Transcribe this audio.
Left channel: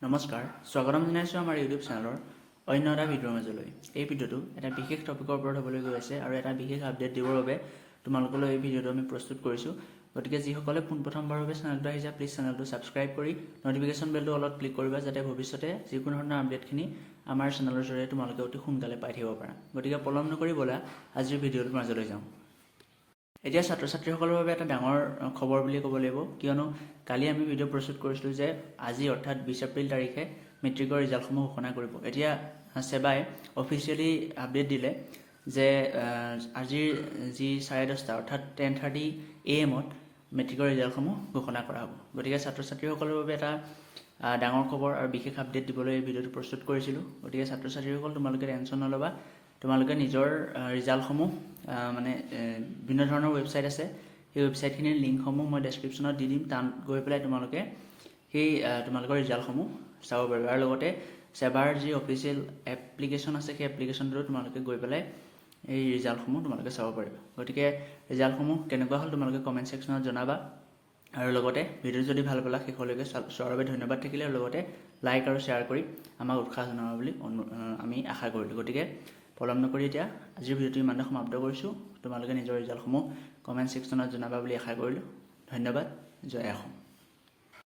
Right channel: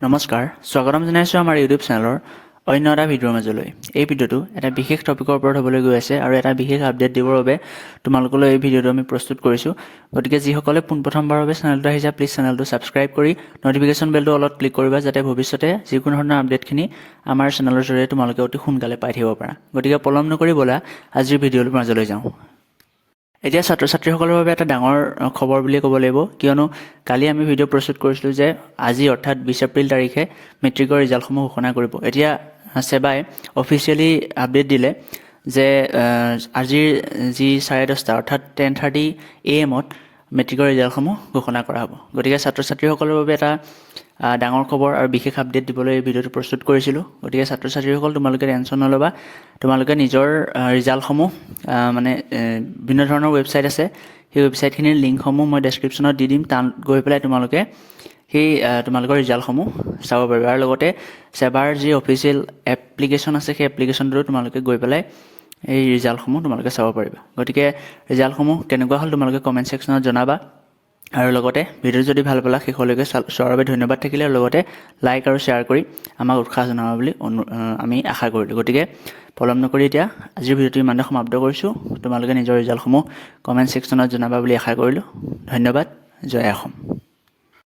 নমস্কাৰ স্বাগতম জনাইছোঁ আমাৰ ইউটিউব চেনেলৰ অন্য এটা ভিডিঅ'ৰ মাজলৈ। এই ভিডিঅ'টো এটা বিশেষ টপিকৰ ওপৰত হ'বলৈ গৈ আছে আৰু এটা বিশেষ আপডেট দিবৰ বাবে তোমালোকলৈ এই ভিডিঅ'টো আমি প্ৰস্তুত কৰিছোঁ। গতিকে যিসকলে পোনপ্ৰথমবাৰৰ বাবে চেনেলটো আহিছা প্লিজ চেনেলটো ছাবস্ক্ৰাইব কৰি ন'টিফিকেশ্যন বেলটো অলপ ক্লিক কৰিবা যাতে ভৱিষ্যতে যিকোনো ধৰণৰ আপডেটখিনি আমাৰ চেনেলৰ জৰিয়তে তোমালোকে অতি সোনকালে পাই থাকিব পাৰা। গতিকে পলম নকৰি ব'লা আজিৰ ভিডিঅ'টোৰ মাজলৈ যাওঁ। এতিয়া ছাত্ৰ ছাত্ৰীসকলৰ বাবে এটা ডাঙৰ খবৰ বুলি ক'ব লাগিব, কিয়নো কালি আমি ভিডিঅ' প্ৰস্তুত কৰিছিলোঁ যে আজি অৰ্থাৎ 20 এপ্ৰিল তাৰিখে মেট্ৰিকৰ ৰিজাল্টসমূহ ঘোষণা কৰিব। এতিয়া ছেবাই অফিচিয়েলি আপডেট দিলে যে আজিৰ যি 10:30 অৰ্থাৎ 10:30 AM মেট্ৰিকৰ ৰিজাল্টসমূহ ঘোষণা কৰা হ'ব। গতিকে ছাত্ৰ ছাত্ৰীসকলৰ বাবে এটা ডাঙৰ খবৰ আৰু বিশেষ আপডেট দিবলৈ এই ভিডিঅ'টো প্ৰস্তুত কৰিছিলোঁ। গতিকে ছাত্ৰ ছাত্ৰীসকল তোমালোকে টেনশ্যন নল'বা, তোমালোকে নিজৰ ৰিজাল্টসমূহ মানে বিভিন্ন ধৰণৰ ৱেবছাইট আছে, সেই ৱেবছাইটখিনিৰ লিংকসমূহ মই ডেছক্ৰিপশ্যনত দি দিম। তাত গৈ পেলাই তোমালোকে সেই তোমালোকৰ ৰিজাল্টসমূহ চাব পাৰিবা আৰু লগতে ছেবাৰ যি অফিচিয়েল এপ্লিকেশ্যন আছে সেই এপ্লিকেশ্যনটোতো তোমালোকে গৈ পেলাই এই ৰিজাল্টসমূহ তোমালোকে চাব পাৰিবা। গতিকে ৰিজাল্টসমূহ কেনেকুৱা হ'ল তোমালোকে কমেণ্ট ছেকশ্যনত জনাবা আৰু লগতে ভিডিঅ' যদি ভাল পালা শেষলৈকে চোৱাৰ বাবে ধন্যবাদ থাকিলে আৰু লগতে লাইক আৰু শ্বেয়াৰ কৰি আমাক উৎসাহ জনাবা বুলি আমি আশা কৰিলোঁ। গতিকে পলম নকৰি এতিয়া আজিৰ ভিডিঅ'টো ইমানতে সমাপ্ত কৰিছোঁ। তোমালোকে নিজৰ ৰিজাল্টসমূহ কমেণ্ট ছেকশ্যনত জনাবা বুলি আশা কৰিলোঁ। ধন্যবাদ। জয় অসম।